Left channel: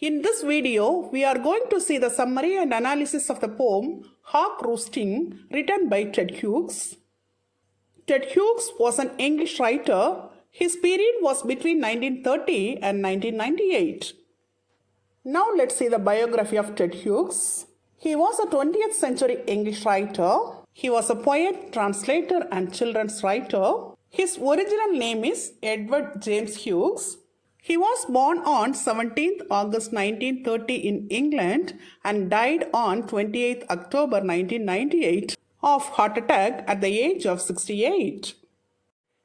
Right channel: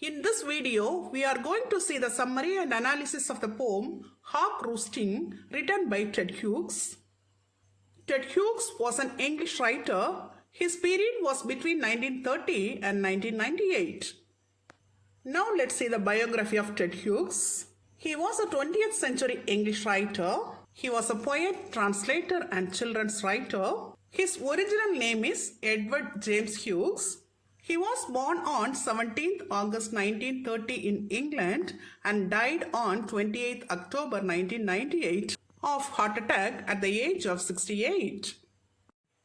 In this video, we are going to see the summary and analysis of the poem Hawk Roosting, written by Ted Hughes. Ted Hughes was an English writer. His period was between 1930 and 1998. Now let's see the biography of Ted Hughes. He was a 20th century English writer. He was a poet, translator, and children's writer. His original name is Edward James Hughes. He was born on 17th August 1930 in England and died on 28th October 1998 of heart attack at the age of 68.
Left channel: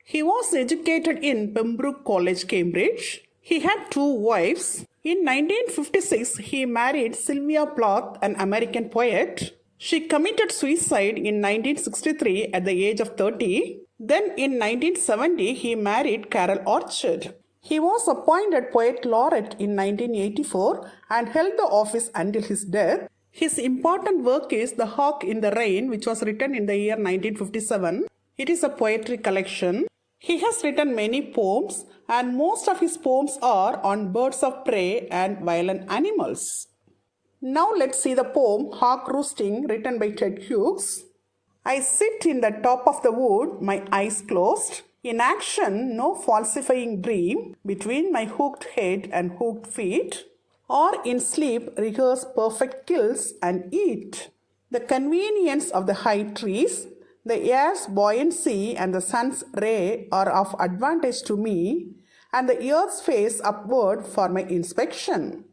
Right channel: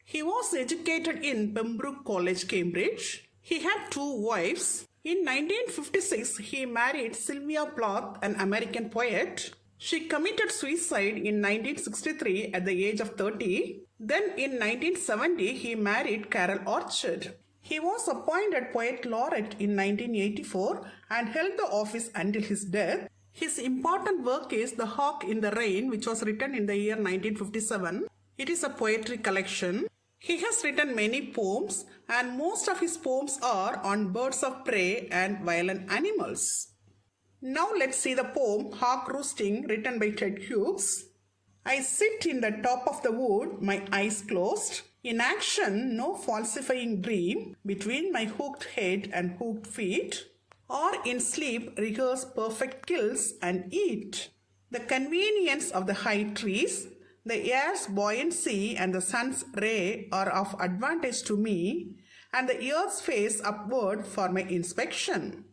He was educated in Pembroke College, Cambridge. He had 2 wives. In 1956, he married Sylvia Plath, an American poet. She committed suicide in 1963 at the age of 30. Then in 1970, he married Carol Orchard. He was appointed Poet Laureate in 1984 and held the office until his death. His important work is The Hawk in the Rain, which was written in the year 1957. It is a poetry collection. He has written many poems, and most of his poems are on birds of prey and violent animals. Now let's see the poem Hawk Roosting, written by Ted Hughes. I sit in the top of the wood, my eyes closed. In action, no falsifying dream between my hooked head and hooked feet, or in sleep rehearse perfect kills and eat. The convenience of the high trees, the air's buoyancy and the sun's ray are of advantage to me, and the earth's face upward for my inspection.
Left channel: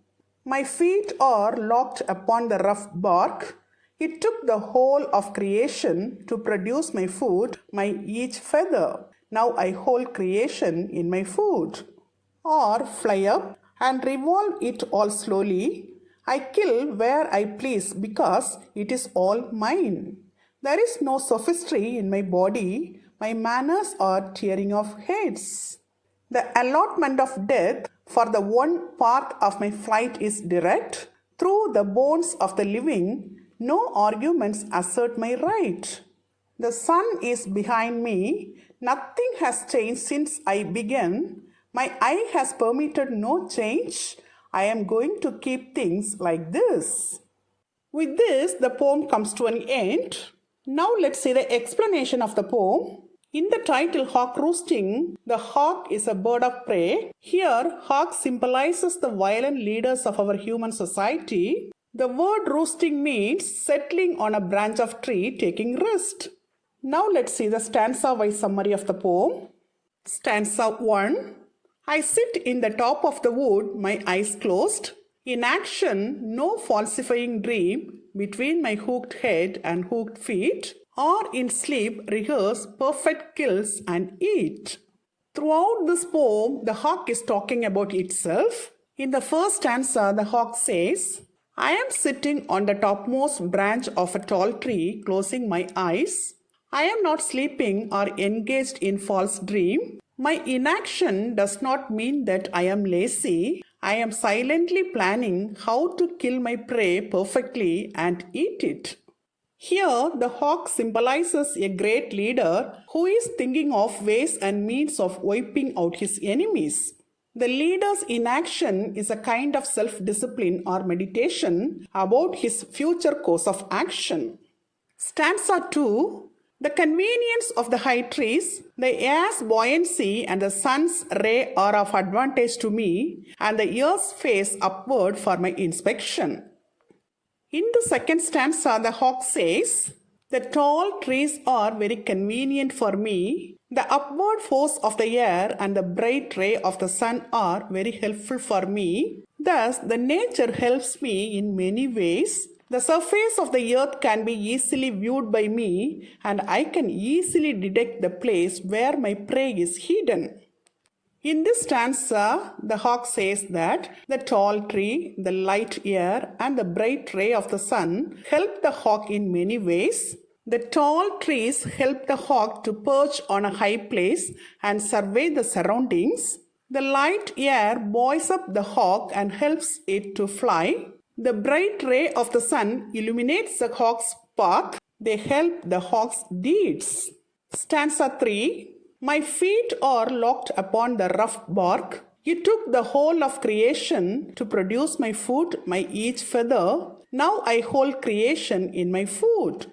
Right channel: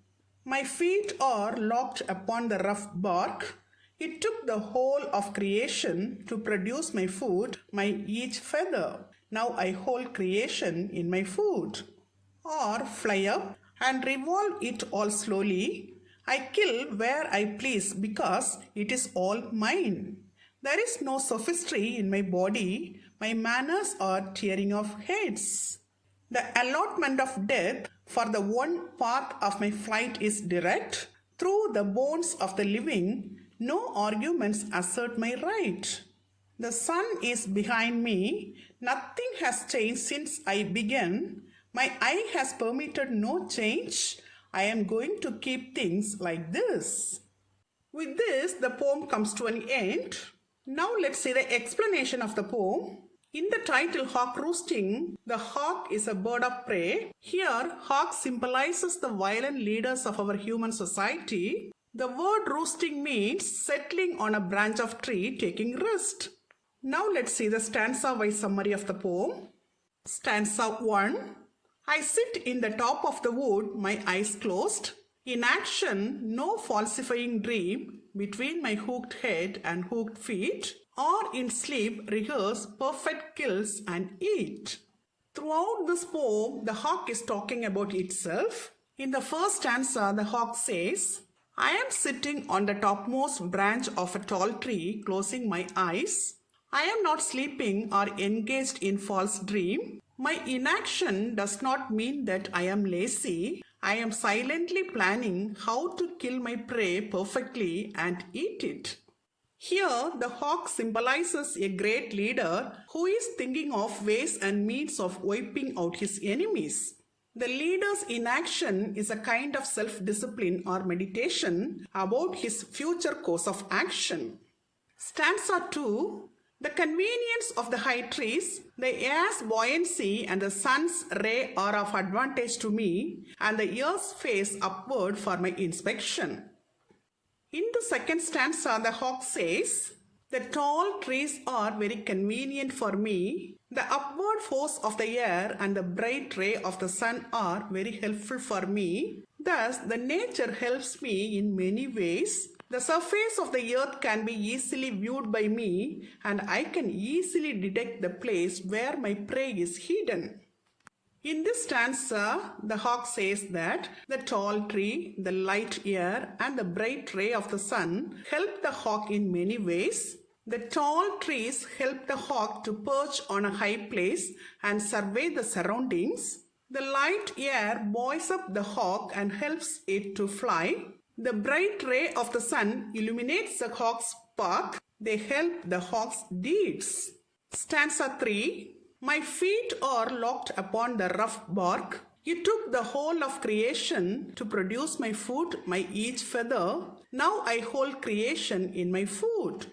My feet are locked upon the rough bark. It took the whole of creation to produce my food, my each feather. Now I hold creation in my food. Or fly up and revolve it all slowly. I kill where I please because it is all mine. There is no sophistry in my body. My manners are tearing off heads. The allotment of death for the one path of my flight is direct. Through the bones of the living, no arguments assert my right. The sun is behind me. Nothing has changed since I began. My eye has permitted no change. I am going to keep things like this. With this, the poem comes to an end. Now let's see the explanation of the poem. In the title Hawk Roosting, the hawk is a bird of prey. Here, hawk symbolizes the violent leaders of our human society. The word roosting means settling on a branch of tree, taking rest. Now let's see the stanza-wise summary of the poem. Stanza 1. I sit in the top of the wood, my eyes closed. In action, no falsifying dream between my hooked head and hooked feet, or in sleep rehearse perfect kills and eat. Throughout this poem, the hawk is talking about itself. In the first stanza, the hawk says, I am sitting on the topmost branch of a tall tree, closing my eyes. I am not sleeping or engaged in false dream. My inaction does not mean that I am lazy. I am silently planning how to kill my prey perfectly and eat it. Here, the hawk symbolizes a great leader who is thinking of ways and means of wiping out his enemies. The leader's inaction is a kind of self-discipline or meditation about his future course of action. Stanza 2. The convenience of the high trees, the air's buoyancy and the sun's ray are of advantage to me, and the earth's face upward for my inspection. In the second stanza, the hawk says, the tall trees are very convenient for me. The upward force of the air and the bright ray of the sun are very helpful for me. Thus, the nature helps me in many ways. The surface of the earth can be easily viewed by me, and I can easily detect the place where my prey is hidden. In this stanza, the hawk says that the tall tree, the light air, and the bright ray of the sun help the hawk in many ways. The tall trees help the hawk to perch on a high place and survey the surroundings. The light air buoys up the hawk and helps it to fly. The bright ray of the sun illuminates the hawk's path. They help the hawk's deeds. Stanza 3. My feet are locked upon the rough bark. You took the whole of creation to produce my food, my each feather. Now I hold creation in my food.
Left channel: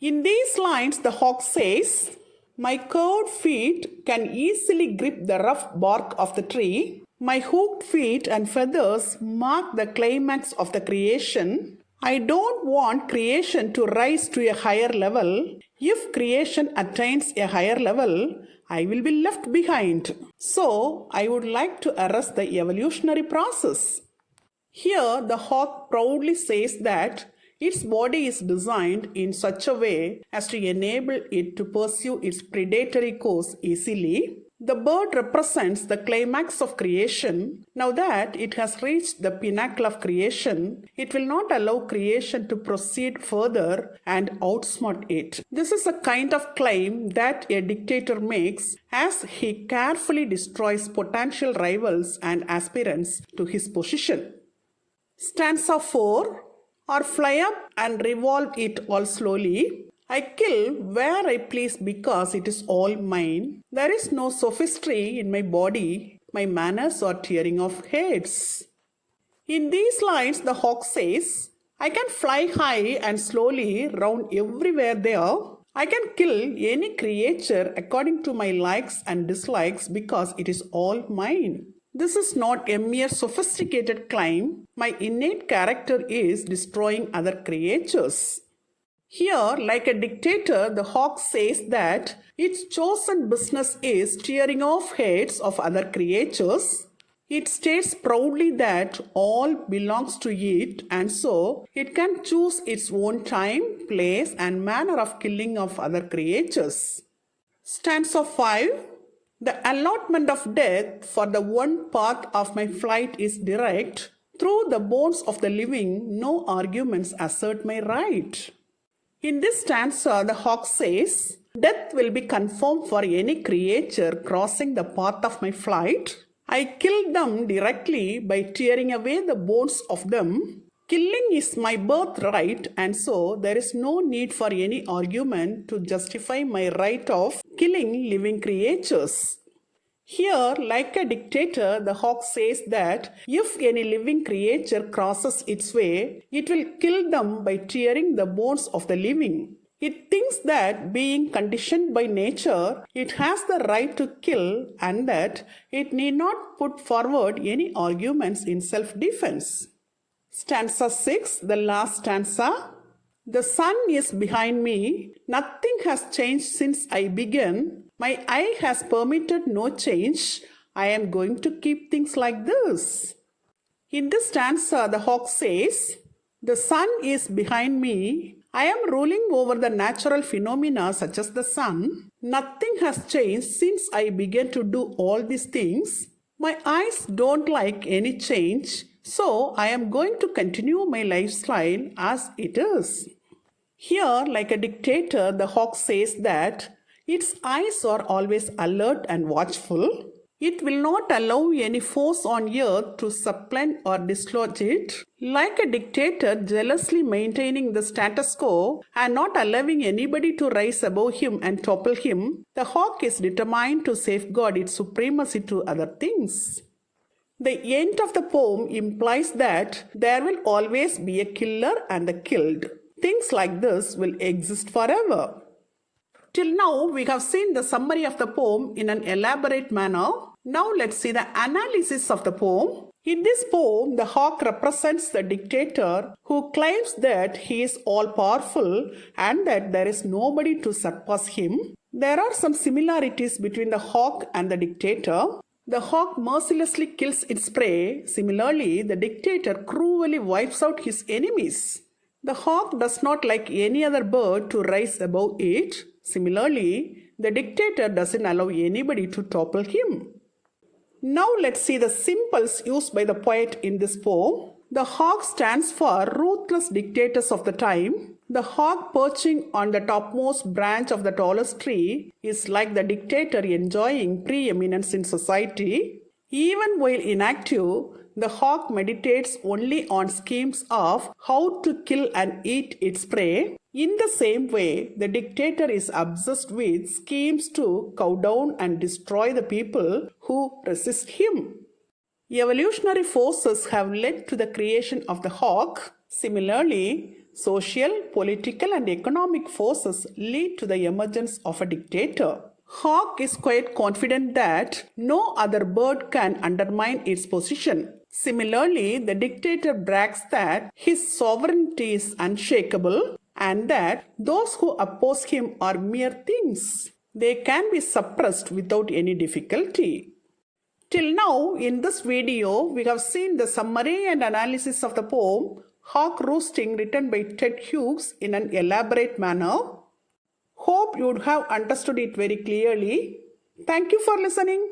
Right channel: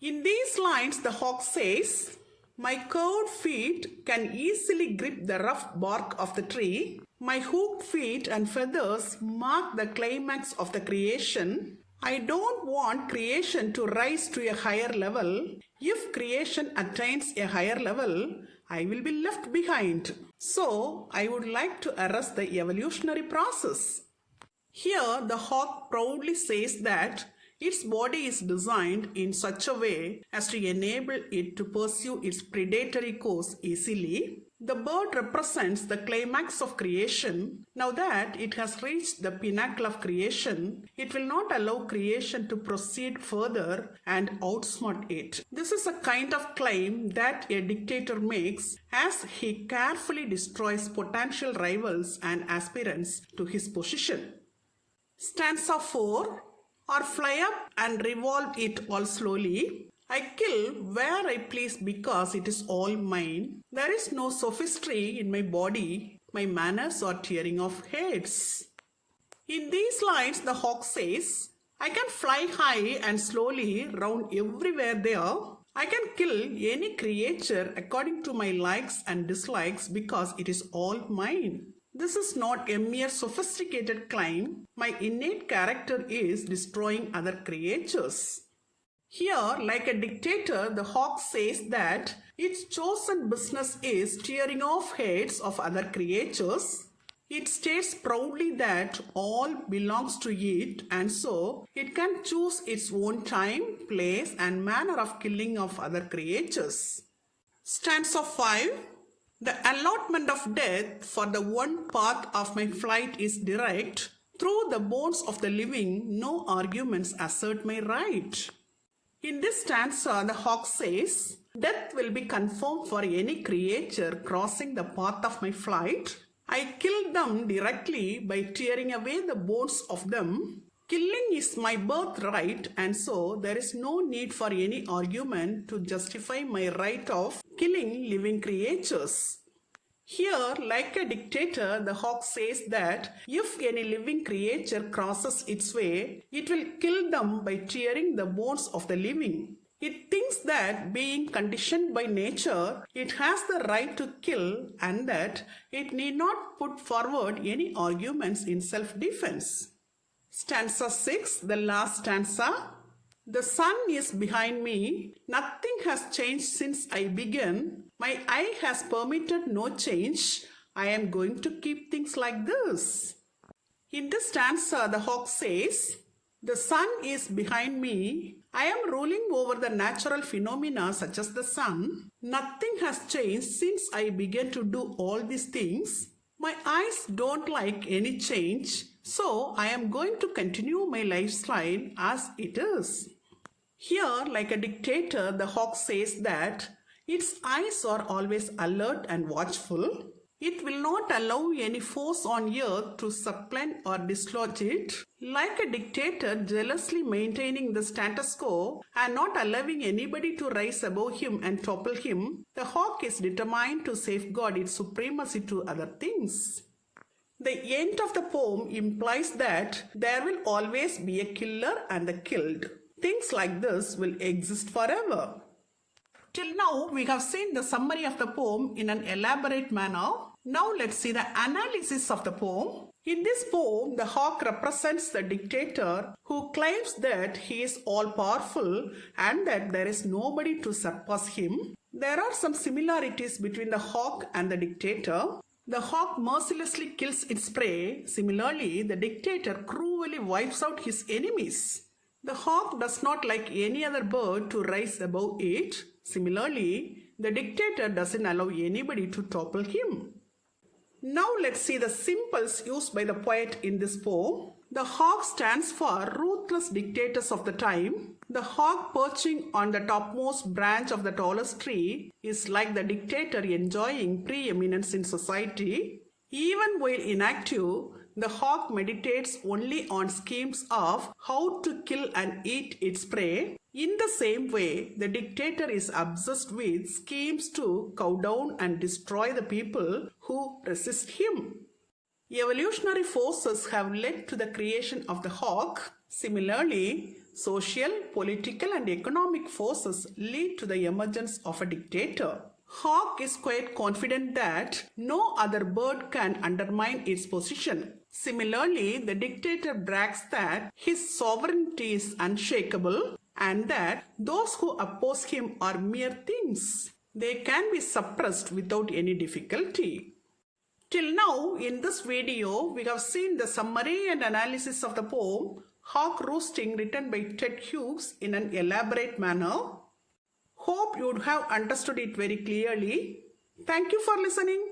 In these lines, the hawk says, my curved feet can easily grip the rough bark of the tree. My hooked feet and feathers mark the climax of the creation. I don't want creation to rise to a higher level. If creation attains a higher level, I will be left behind. So, I would like to arrest the evolutionary process. Here, the hawk proudly says that its body is designed in such a way as to enable it to pursue its predatory course easily. The bird represents the climax of creation. Now that it has reached the pinnacle of creation, it will not allow creation to proceed further and outsmart it. This is a kind of claim that a dictator makes as he carefully destroys potential rivals and aspirants to his position. Stanza 4. Or fly up and revolve it all slowly. I kill where I please because it is all mine. There is no sophistry in my body. My manners are tearing off heads. In these lines, the hawk says, I can fly high and slowly round everywhere there. I can kill any creature according to my likes and dislikes because it is all mine. This is not a mere sophisticated claim. My innate character is destroying other creatures. Here, like a dictator, the hawk says that its chosen business is tearing off heads of other creatures. It states proudly that all belongs to it and so it can choose its own time, place and manner of killing of other creatures. Stanza 5. The allotment of death for the one path of my flight is direct. Through the bones of the living, no arguments assert my right. In this stanza, the hawk says, death will be confirmed for any creature crossing the path of my flight. I kill them directly by tearing away the bones of them. Killing is my birthright and so there is no need for any argument to justify my right of killing living creatures. Here, like a dictator, the hawk says that if any living creature crosses its way, it will kill them by tearing the bones of the living. It thinks that being conditioned by nature, it has the right to kill and that it need not put forward any arguments in self-defense. Stanza 6, the last stanza. The sun is behind me. Nothing has changed since I began. My eye has permitted no change. I am going to keep things like this. In this stanza, the hawk says, the sun is behind me. I am ruling over the natural phenomena such as the sun. Nothing has changed since I began to do all these things. My eyes don't like any change. So I am going to continue my lifestyle as it is. Here, like a dictator, the hawk says that its eyes are always alert and watchful. It will not allow any force on earth to supplant or dislodge it. Like a dictator jealously maintaining the status quo and not allowing anybody to rise above him and topple him, the hawk is determined to safeguard its supremacy to other things. The end of the poem implies that there will always be a killer and a killed. Things like this will exist forever. Till now, we have seen the summary of the poem in an elaborate manner. Now let's see the analysis of the poem. In this poem, the hawk represents the dictator who claims that he is all-powerful and that there is nobody to surpass him. There are some similarities between the hawk and the dictator. The hawk mercilessly kills its prey. Similarly, the dictator cruelly wipes out his enemies. The hawk does not like any other bird to rise above it. Similarly, the dictator doesn't allow anybody to topple him. Now let's see the symbols used by the poet in this poem. The hawk stands for ruthless dictators of the time. The hawk perching on the topmost branch of the tallest tree is like the dictator enjoying preeminence in society. Even while inactive, The hawk meditates only on schemes of how to kill and eat its prey. In the same way, the dictator is obsessed with schemes to cow down and destroy the people who resist him. Evolutionary forces have led to the creation of the hawk. Similarly, social, political, and economic forces lead to the emergence of a dictator. Hawk is quite confident that no other bird can undermine its position. Similarly, the dictator brags that his sovereignty is unshakable and that those who oppose him are mere things. They can be suppressed without any difficulty. Till now, in this video, we have seen the summary and analysis of the poem Hawk Roosting written by Ted Hughes in an elaborate manner. Hope you would have understood it very clearly. Thank you for listening.